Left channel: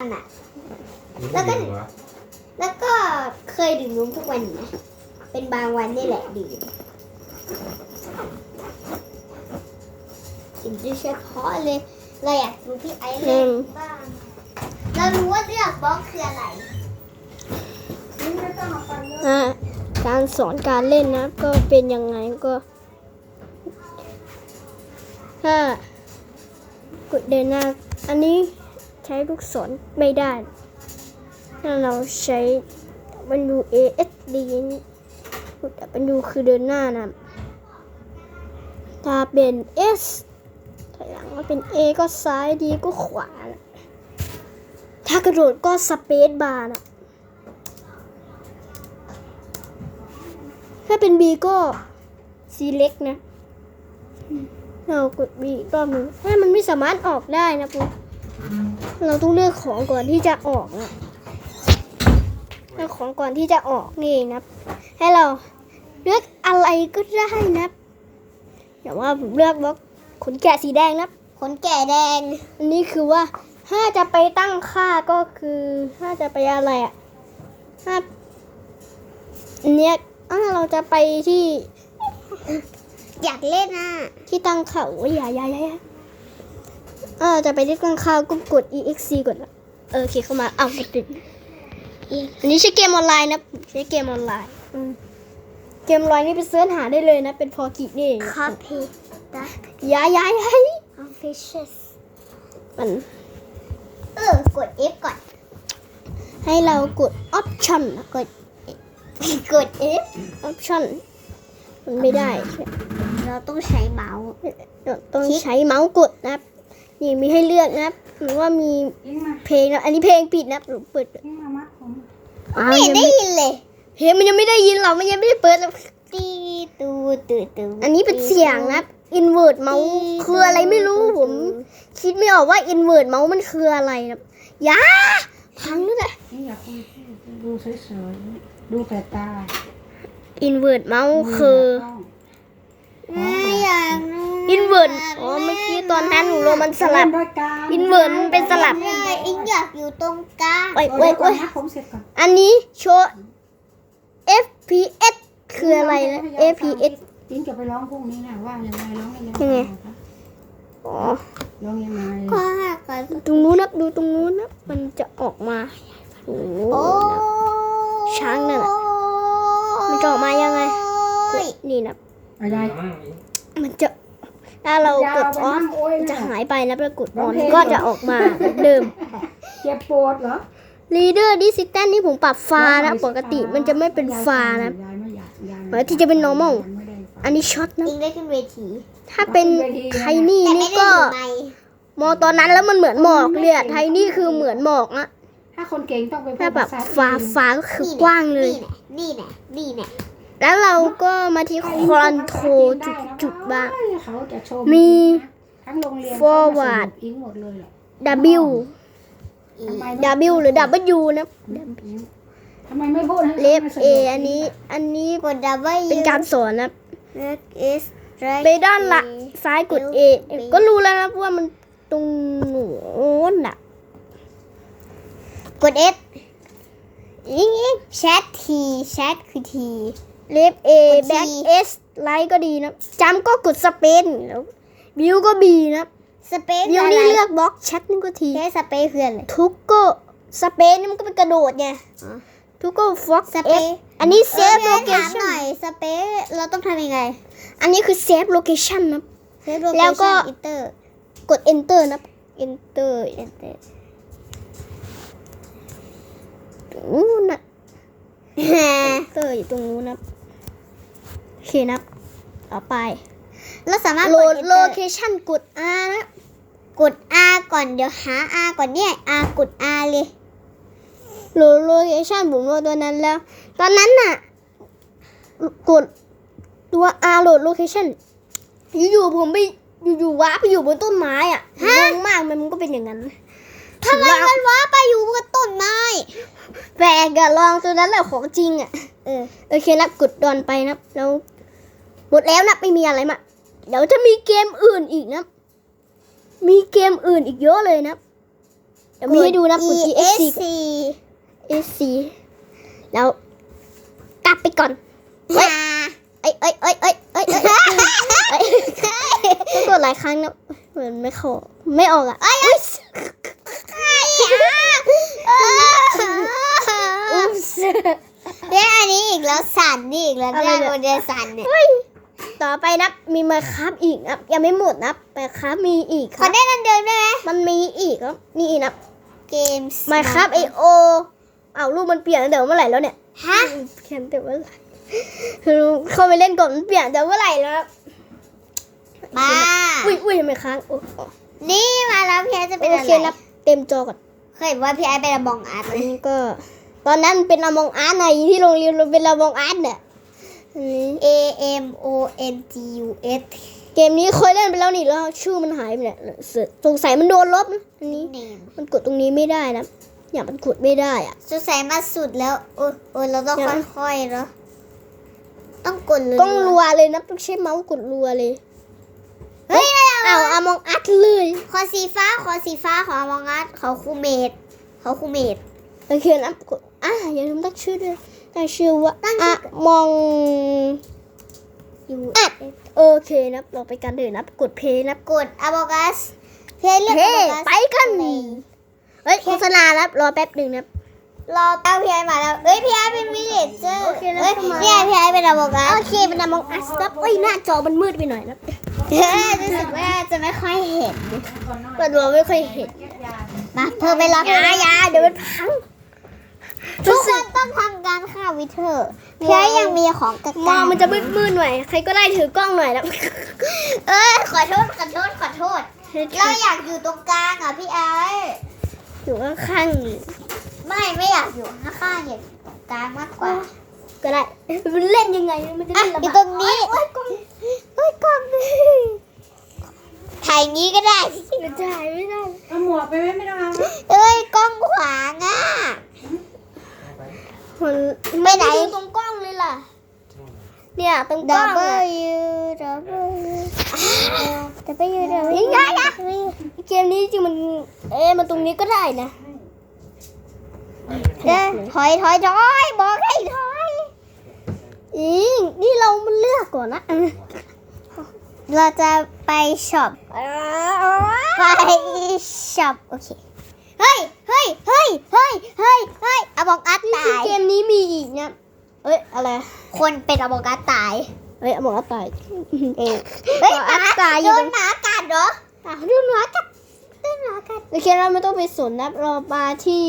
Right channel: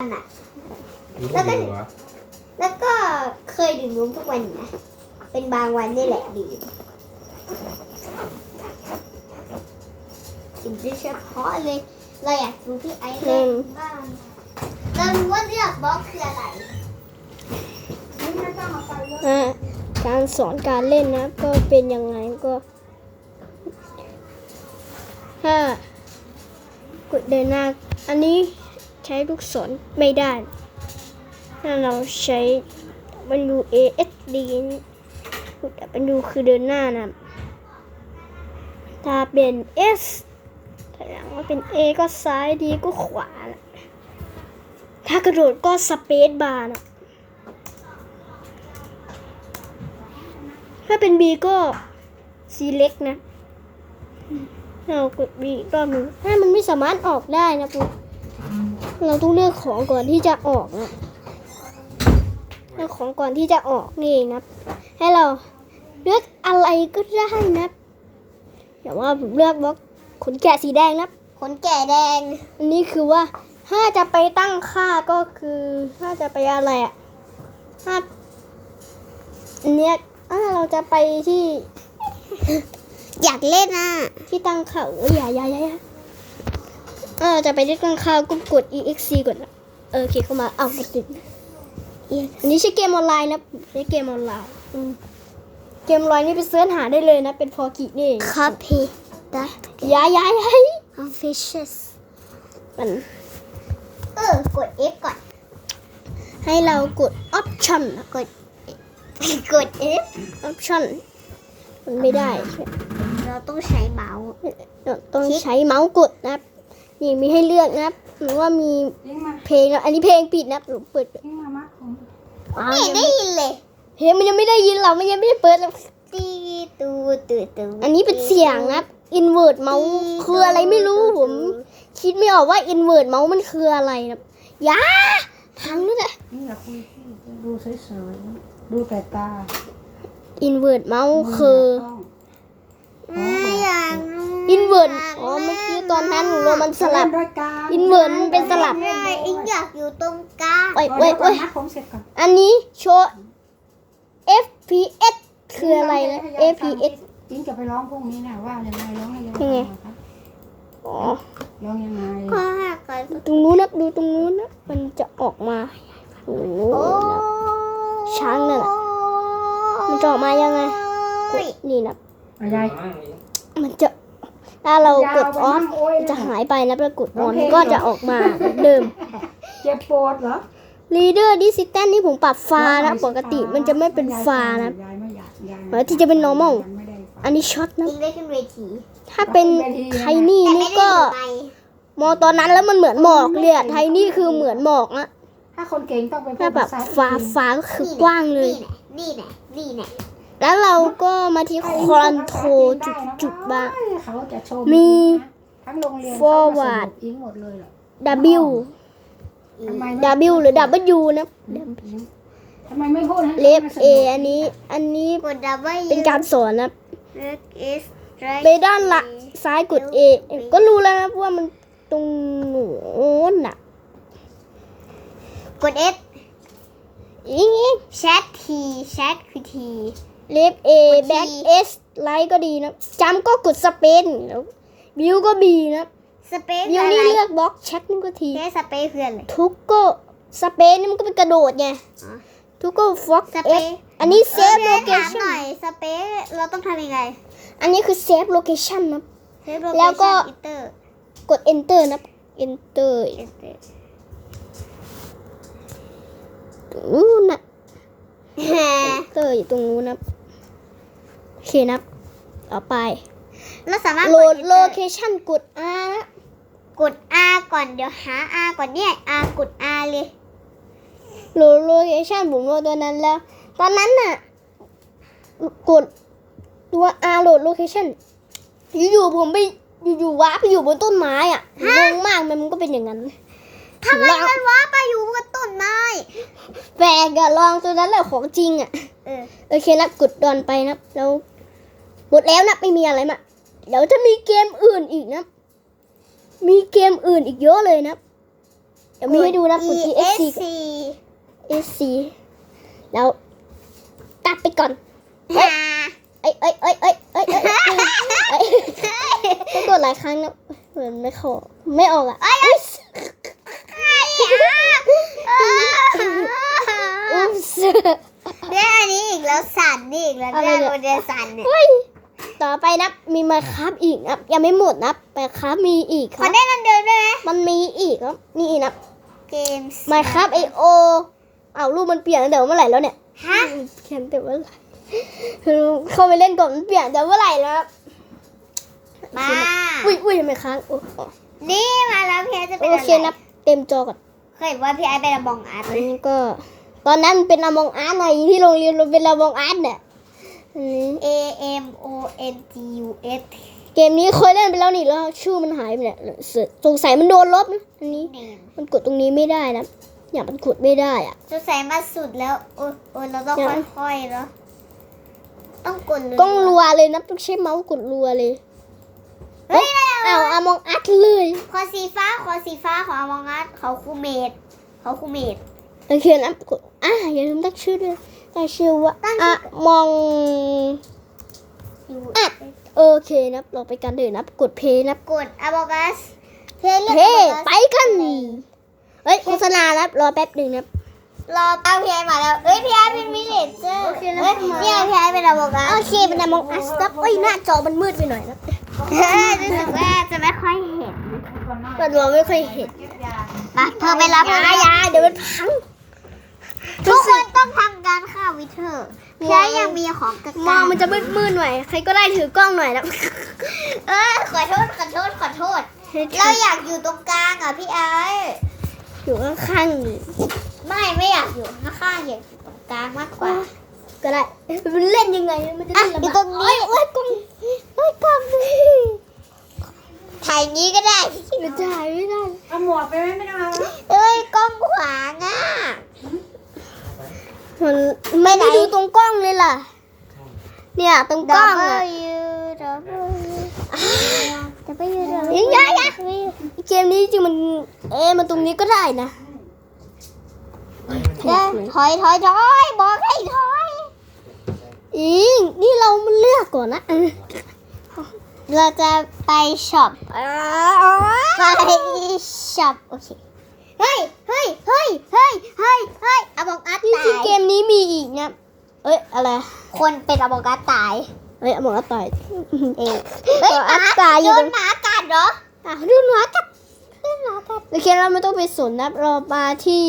อะ รู้ได้ไงวะแล้วก็เคยดื่มนมทุกวันอยู่นะ เป็นบางวันนี่แหละดื่มดื่มโดยเฉพาะเลย เราอยากดูพี่ไอซ์เล่นบ้างเรารู้ว่าเลือกบล็อกคืออะไรไม่ต้องเอาไปเยอะอะการสอนการเล่นนะก็เป็นยังไงก็ ถ้ากดเดินหน้า อันนี้ ใช้ลูกศรไม่ได้ ถ้าเราใช้ W A S D กด W คือเดินหน้านะ ถ้าเป็น S ถอยหลังว่าเป็น A ก็ซ้าย D ก็ขวานะถ้ากระโดดก็สเปซบาร์นะถ้าเป็น B ก็ select นะเรากด B อีกรอบนึงถ้ามันไม่สามารถออกได้นะปุ๊บ เราต้องเลือกของก่อนที่จะออกนะเลือกของก่อนที่จะออกนี่เองนะให้เราเลือกอะไรก็ได้นะแต่ว่าผมเลือกบล็อกขนแกะสีแดงนะขนแก่แดง อันนี้คือว่าถ้าจะไปตั้งค่าก็คือถ้าจะไปอะไรอะถ้าอันเนี้ยอ่าเราจะไปที่ อยากเล่นอะ ที่ตั้งค่าโอ้ยอย่าอย่าอย่า อย่าอ่าจะไปที่ตั้งค่าก็กด exe ก่อนนะเออโอเคเข้ามาเอาวติดอันนี้ใช้เกมออนไลน์นะใช้เกมออนไลน์อืมเกมออนไลน์นี่ไปเสิร์ชหาได้เลยนะ เป็นพอกินี่เอง copy the อย่าอย่าอย่า fishes มันเออกด F ก่อน ให้เรากด option นะกดกด F option มันไม่ได้ เราต้องใช้เมาส์เราต้องใช้เมาส์กดนะครับ นี่มีให้เลือกนะครับหรือว่ามีเพลงนะอันนี้เพลงปิดนะครับหรือเปิดอ้าวไม่ยังได้ไม่ยินเลยเพลงมันยังไม่ได้ยินเรามันยังไม่ได้เปิดเลยตีตูตูตูอันนี้เป็นเสียงนะครับ invert เมาส์คืออะไรไม่รู้ผม คิดไม่ออกว่า invert เมาส์มันคืออะไรนะครับอยาพังนั่นแหละนี่อยากคุยดูเฉยๆดูแต่ตา invert เมาส์คือ ไม่อยากรู้ invert อ๋อเมื่อกี้ตอนนั้นหนูลงมันสลับด้วยกา invert มันเป็นสลับไม่ได้อิงอยากอยู่ตรงกลางเว้ยเว้ยเว้ยผมเสร็จก่อนอันนี้โชว์ FPS คืออะไรนะ FPS จริงจะไปร้องพรุ่งนี้นะว่ายังไงร้องยังไงยังไงครับอ๋อร้องยังไงก็หากันตรงนู้นนะดูตรงนู้นนะมันจะออกมาโอ้โหนะช้างนั่นน่ะมันจะออกมายังไงกดนี่นะอะไรมันจะ ถ้าเรากดออฟมันจะหายไปแล้วแล้วกดออนก็จะออกมาเหมือนเดิม เจ็บปวดเหรอ Leader Distance นี่ผมปรับฟ้านะปกติมันจะไม่เป็นฟ้านะยายไม่อยากยายปกติจะเป็น normal ไม่ได้อันนี้ช็อตนะอิงได้ขึ้นเวทีถ้าเป็นไทนี่นี่ก็แต่ไม่ได้อยู่ในมองตอนนั้นแล้วมันเหมือนหมอกเลยอะไทนี่คือเหมือนหมอกอะถ้าคนเก่งต้องไปพูดถ้าแบบภษฟ้าฟ้าก็คือกว้างเลย นี่แหละนี่แหละแล้ วเราก็มาที่คอนโทรจุดจุดๆบ้าง เขาจะชมมี ทั้งโรงเรียน forward อิงหมดเลยแหละ W ทำไมไม่ W หรือ W นะ ทำไมไม่พูดให้เลฟ A อันนี้อันนี้กดดับเบิลเป็นการสอนนะเล็กเอสไปด้านละซ้ายกด A ก็รู้แล้วนะว่ามันตรงโน้นน่ะกด S อิงอิงแชททีแชทคือที เลฟ A กด T back S ไลท์ก็ดีนะจำก็กดสเปนแล้วบิวก็ B นะสเปซบิวนี่เลือกบล็อกแชทนี่ก็ทีใช้สเปซคืออะไรทุกก็สเปนนี่มันก็เป็นกระโดดไงอ๋อทุกก็ฟ็อกสเป F ซอันนี้เซฟเอโลอเคถามหชั่นน่อยสเปซเราต้องทำยังไง อันนี้คือเซฟโลเคชั่นนะเซฟโลแล้วก็อินเตอร์กด enter นะ enter อู้นะ enter อยู่ตรงนู้นนะโอ เคนะต่อไปเราสามารถโหลด Enter โลเคชั่นกด R นะ กด R ก่อนเดี๋ยวหา R ก่อนเนี่ย R กด R เลยโหลดโลเคชั่นผมโหลดตัวนั้นแล้ว ตอนนั้นน่ะ กดตัว R โหลดโลเคชั่นอยู่ๆผมไปอยู่ๆว้าร์ปไปอยู่บนต้นไม้อะงงมากมันมันก็เป็นอย่างนั้นทำไมถือว่ามันว้าไปอยู่บนต้นไม้แปลกอะลองตัวนั้นแหละของจริงอะเออโอเคนะกดดอนไปนะแล้ว หมดแล้วนะไม่มีอะไรมาเดี๋ยวจะมีเกมอื่นอีกนะ มีเกมอื่นอีกเยอะเลยนะ เดี๋ยวมีให้ดูนะกด E ESC S C ESC แล้วกลับไปก่อนเฮ้ยเอ้ยเอ้ยเอ้ยเอ้ยเอ้ยเอ้ยเอ้ยต้องกดหลายครั้งนะเหมือนไม่ขอไม่ออกอะอุ๊ยอุ๊ยเนี่ยอันนี้อีกแล้วสั่นนี่อีกแล้วอะไรเนี่ยเนี่ยโมเดลสั่นเนี่ยเฮ้ย ต่อไปนับมีมาครับอีกนับยังไม่หมดนับมาครับมีอีกคขอรับได้เงินเดือนด้วยไหมมันมีอีกครับนี่นับเกมมาครับไอโอเอารูปมันเปลี่ยนตั้งแต่เมื่อไหร่แล้วเนี่ยฮะเปลี่ยนแต่เมื่อไหร่คือเข้าไปเล่นก่อนมันเปลี่ยนแต่เมื่อไหร่แล้วครับมาอุ้ยอุ้ยทำไมค้างโอ้โอ้นี่มาแล้วพี่ไอซ์จะเป็นโออะไรเคนับเต็มจอก่อนเคยเห็นว่าพี่ไอซ์เป็นอมองอาร์ตไหมอันนี้ก็ ตอนนั้นเป็นอมองอาร์ตไงที่โรงเรียนเราเป็นอมองอาร์ตเนี่ย อันนี้ A M O N G U S เกมนี้เคยเล่นไปแล้วนี่แล้วชื่อมันหายไปเนี่ยสงสัยมันโดนลบนะอันนี้เนมมันกดตรงนี้ไม่ได้นะ อย่างมันกดไม่ได้อะจะใส่มาสุดแล้วโอ้ยโอ้ยเราต้องยังค่อยๆเนาะต้องกดเลยต้องรัวเลยนะต้องใช้เมาส์กดรัวเลยเฮ้ยอะไรอ้าวอมองอาร์ตเลย ขอสีฟ้าขอสีฟ้าขออมองอาร์ตเขาคูเมดเขาคูเมด โอเคนะกดอะอย่าลืมตั้งชื่อด้วยตั้งชื่อว่าตั้งชื่อะอมองอยู่อะโอเคนะเราไปกันเถอะนะกดเพย์นะกดอมองอาร์ตเฮ้ยเลือกเฮ้อมองอาร์ตไปกันเฮ้ยโฆษณาแล้วรอแป๊บหนึ่งนะรอแป๊บพี่ไอซ์มาแล้วเอ้ยพี่ไอซ์เป็นมิเลเจอร์โอเคนะเอ้ยเข้ามาพี่ไอซ์พี่ไอซ์เป็นอมองอาโอร์ตเคเป็นอมองอาร์ตครับเอ้ยหน้าจอมันมืดไปหน่อยนะเออรู้สึกว่าจะไม่ค่อยเห็นเปิดดูไม่ค่อยเห็นมาเธอไปรับอยาอยาเดี๋ยวมันพัง ทุกคนต้องทำการฆ่าวิเทอร์พี่ไอซ์ยังมีของกระมองมันจะมืดมืดๆหน่อย ใครก็ได้ถือกล้องหน่อยนะเออขอโทษขอโทษขอโทษ เราอยากอยู่ตรงกลางอะพี่ไอซ์อยู่ข้างๆนี่ไม่ไม่อยากอยู่ข้างๆอยากอยู่ตรงกลางมากกว่า ก็ได้มันเล่นยังไงมันจะอะเล่นลำบากอยู่ตรงนี้เอ้ยกล้องเอ้ยกล้องนี่ถ่ายงี้ก็ได้มันจะหายไม่ได้เอาหมวกไปไหมไม่ได้นะเอ้ยกล้องขวางอะ มันไปไหนดูตรงกล้องเลยล่ะ เนี่ยตรงกล้อง W อะ W W W ยังไงอะเกมนี้จริงมัน เอ๊ะมันตรงนี้ก็ได้นะเดินถอยถอยถอยบอกให้ถอยอีนี่เรามันเลือกก่อนนะเราจะไปช็อปไปช็อปโอเค เฮ้ย เฮ้ย เฮ้ย เฮ้ย เฮ้ย เฮ้ยอบอกอัดนี่ตาคือยเกมนี้มีอีกเนี่ยเอ้ยอะไรคนเป็นอบอกอัดตายเอ้ยบอกว่าต่อยเออเฮ้ยบอกหอัมาดตายอยู่โดตรนงหมากัดเหรออะดูหมากัดดูหมากัดโอเคเราไม่ต้องไปสนนะเรามาที่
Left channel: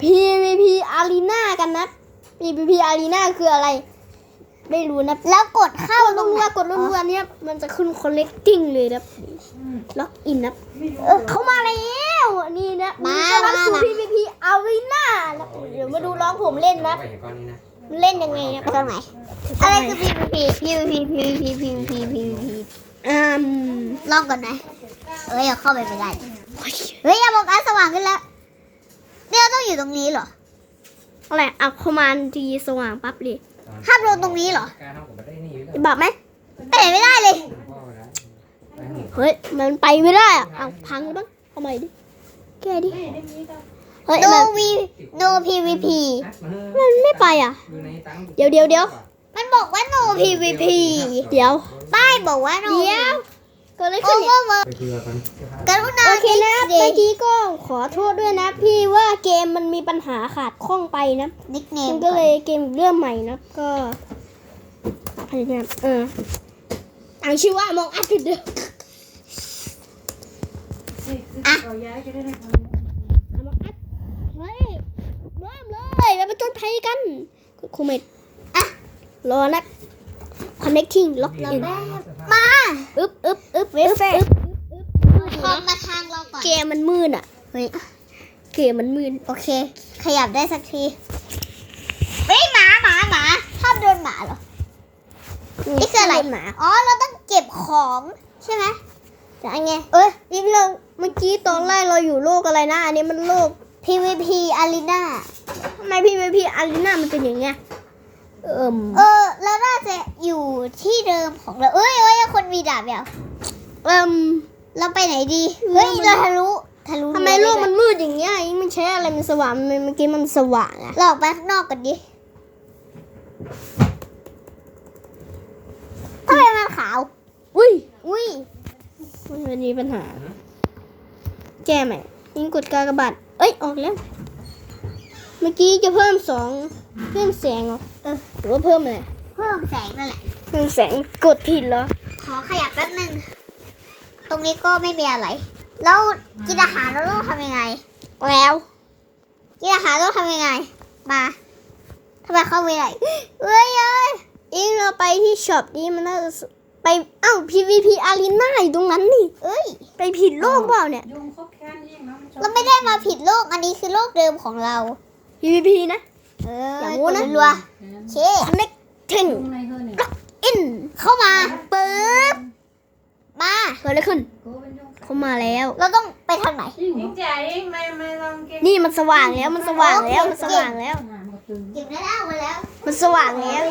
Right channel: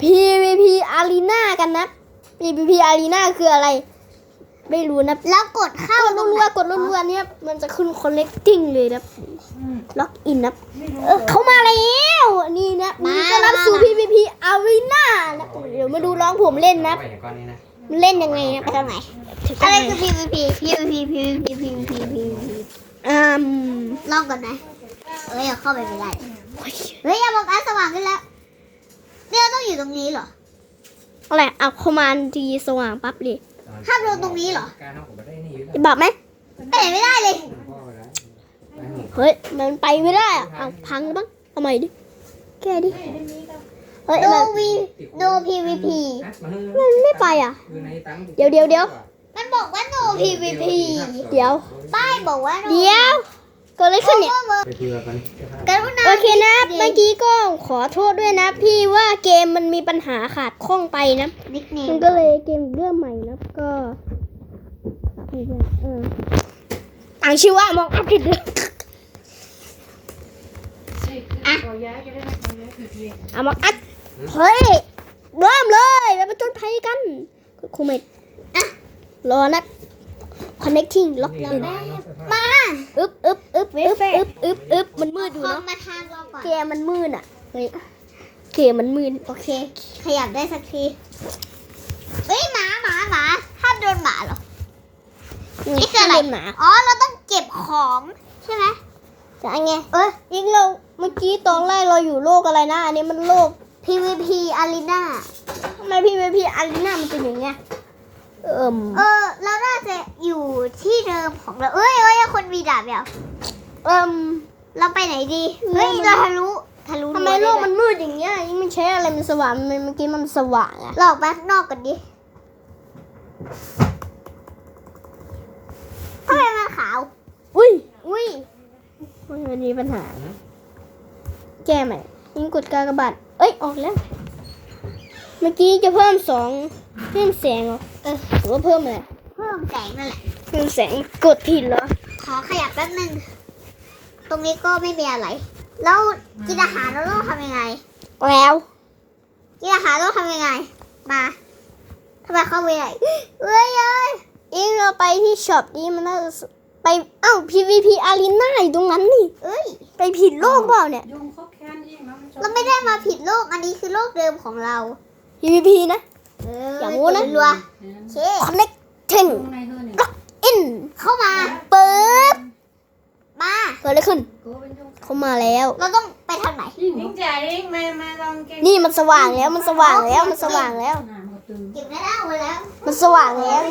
PVP Arena กันนะ PVP Arena คืออะไร ไม่รู้นะแล้วกดเข้ากดตรงรัไหวนๆกดรัวๆเนี่ยมันจะขึ้น connecting เลยนะล็อกอินนะเออเข้ามาแล้วนี่นะมาต้อนรับสู่ PVP Arena นะเดี๋ยวมาดูน้องผมเล่นนะไปอย่างก้อนนี้นะมันเล่นยังไงนะตรงไหนอะไรคือ PVP PVP PVP PVP PVP อืมลองก่อนไหมเฮ้ยเอาเข้าไปไม่ได้เฮ้ยอบอกอัดสว่างขึ้นแล้วเนี่ยเราต้องอยู่ตรงนี้เหรออะไรเอาคอมมานด์ทีสว่างปั๊บเลย ห้ามโดนตรงนี้เหรอการทำผมไม่ได้นี่อยู่แล้วจะบอกไหมไปไหนไม่ได้เลยพ่อไปแล้วไม่หนีเฮ้ย มันไปไม่ได้อะเอาพังแล้วบ้างทำไมดิ แก้ดิ เฮ้ย no มัน v no PVP มันไม่ไปอะ เดี๋ยวเดี๋ยวเดี๋ยวมันบอกว่า no PVP เดี๋ยว ป้ายบอกว่า no เดี๋ยว เก็เลยขึ้นเนี่ย ไปคุยกับมันกรุณาโอเคนะ เมื่อกี้ก็ขอโทษด้วยนะ พี่ว่าเกมมันมีปัญหาขาดข้องไปนะ นิกเนมัมนก็เลยเกมเรื่องใหม่นะก็พยายามเอออ่านชื่อว่ามองอัพผิดเลยเราย้ายจะได้ไม่ทำย้ายผิดเลยเอามองอัพเฮ้ยเริ่มเลยแล้วไปจนภัยกันครูเมดอะรอนะ connecting lock in มาอึ๊บอึ๊บอึ๊บอึ๊บอึ๊บอึ๊บอึ๊บมันมืดอยู่พอเนาะมาทางเราก่อนเกมมันมืดอะเฮ้ยเกมมันมืดโอเค ขยับได้สักทีเฮ้ยหมาหมาหมาห้ามโดนหมาเหรอนี่คืออะไรเล่นหมาอ๋อเราต้องเก็บของใช่ไหมจะไงเอ้ยยิงเราเมื่อกี้ตอนแรกเราอยู่โลกอะไรนะ อันนี้มันโลก PVP Arena ทำไมพี่พี่อารีนามันเป็นอย่างเงี้ย เอิ่มเออเราน่าจะอยู่ที่เดิมของเรา เอ้ยเอ้ยคนมีดาบเดี๋ยวเอิ่มเราไปไหนดี เฮ้เฮ้ยยมันเราทะลุทะลุทำไมโลกมันมืดอย่างเงี้ยยิ่งมันใช้อะไรมันสว่างมันเมื่อกี้มันสว่างอะเราออกไปข้างนอกกันดิทำไมมันขาว อุ้ย อุ้ยมันมีปัญหา แก้ใหม่ยิงกดกากบาทเอ้ย ออกแล้ว เมื่อกี้จะเพิ่มสองเพิ่มแสงเหรอเออหรือว่าเพิ่มอะไรเพิ่มแสงนั่นแหละเพิ่มแสงกดผิดเหรอ ขอขยับแป๊บนึง ตรงนี้ก็ไม่มีอะไร แล้วกินอาหารเราต้องทำยังไง แล้วกินอาหารต้องทำยังไง มาทำไมเข้าไม่ได้เอ้ยเอ้ยอิงเราไปที่ช็อปนี้มันน่าจะสไปเอ้า PVP Arena อยู่ตรงนั้นนี่ เอ้ย ไปผิดโลกเปล่าเนี่ย ยุงเขาแค้นยิ่งนะนชอบเราไม่ได้มาผิดโลก อันนี้คือโลกเดิมของเรา PVP นะเอออย่าโม้นะ รัวแค้นเช Connecting ยุงในเธอเนี่ย in เข้ามาเปิดมา เกิดอะไรขึ้นโอ้เป็นยุงเขามาแล้ว เราต้องไปทางไหนยิ่งเหรยิองจ่ายเองไม่ไม่ต้องเก่งนี่มันสว่างแล้วมันสว่างแล้วมันสว่างแล้วหน้ามันก็ตึงเก็บได้แล้วมาแล้วมันสว่างแล้ว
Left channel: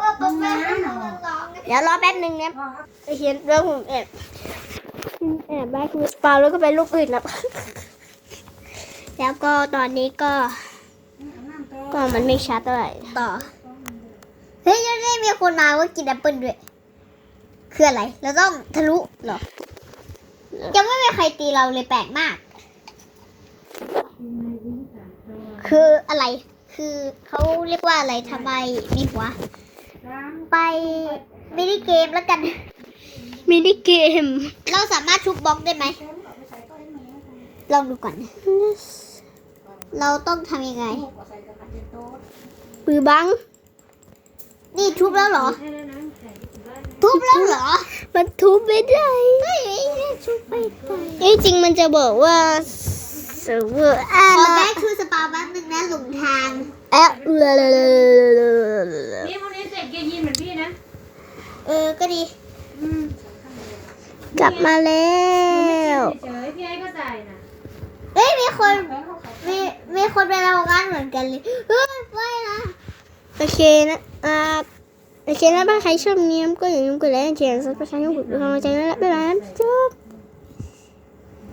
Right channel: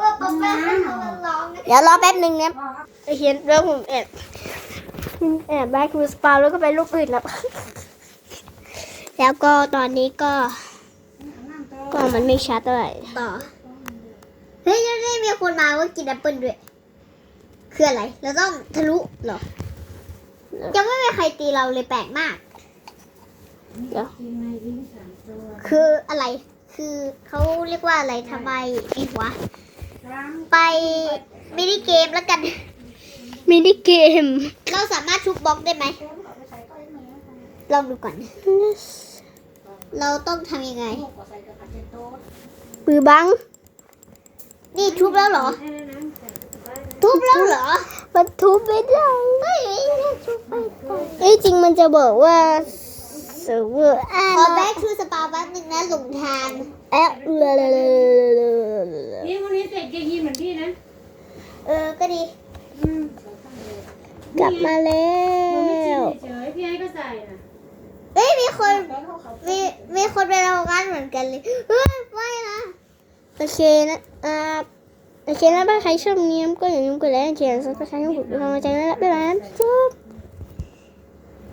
ว่าป๊าป๊าร้องเดี๋ยวรอแป๊บหนึ่งเนี่ยเห็นเรื่องผมแอบแอบแบ็ควิสปาแล้วก็ไปลูกอื่นนะ แล้วก็ตอนนี้ก็ ก็มันไม่ชัดเท่าไหร่ต่อเฮ้ยยังได้มีคนมาว่ากินแอปเปิ้ลด้วย คืออะไร เราต้องทะลุเหรอ ยังไม่มีใครตีเราเลยแปลกมากยิ่งในยิ่งสามตัวคืออะไร คือเขาเรียกว่าอะไรทำไมมีหัวสามไปมินิเกมแล้วกัน มินิเกม เราสามารถทุบบล็อกได้ไหม ลองดูก่อน เราต้องทำยังไงลูกก็ใส่กระดาษเป็นโต๊ะปือบัง นี่ทุบแล้วเหรอ ทุบแล้วเหรอ มันทุบไม่ได้ไม่ได้ทุบไปไปเอ้ยจริงมันจะบอกว่าเซิร์ฟเวอร์อ่าขอนะแบ็คทูสปาแป๊บนึงนะหลงทางแอะเออนี่พวกนี้เสร็จเกยร์ยีนเหมือนพี่นะ เออ ก็ดีกลับมาแล้วเฉยๆพี่ให้ก็ใส่น่ะเฮ้ยมีคนมีมีคนไปโรากันเหมือนกันเลยเฮ้ยไม่นะโอเคนะอ่าโอเคนะบ้าใครชอบนี้ก็อย่าลืมกดไลค์กดแชร์ซับสไครต์ให้ผมเป็นกำลังใจด้วยนะบ๊ายบายจบ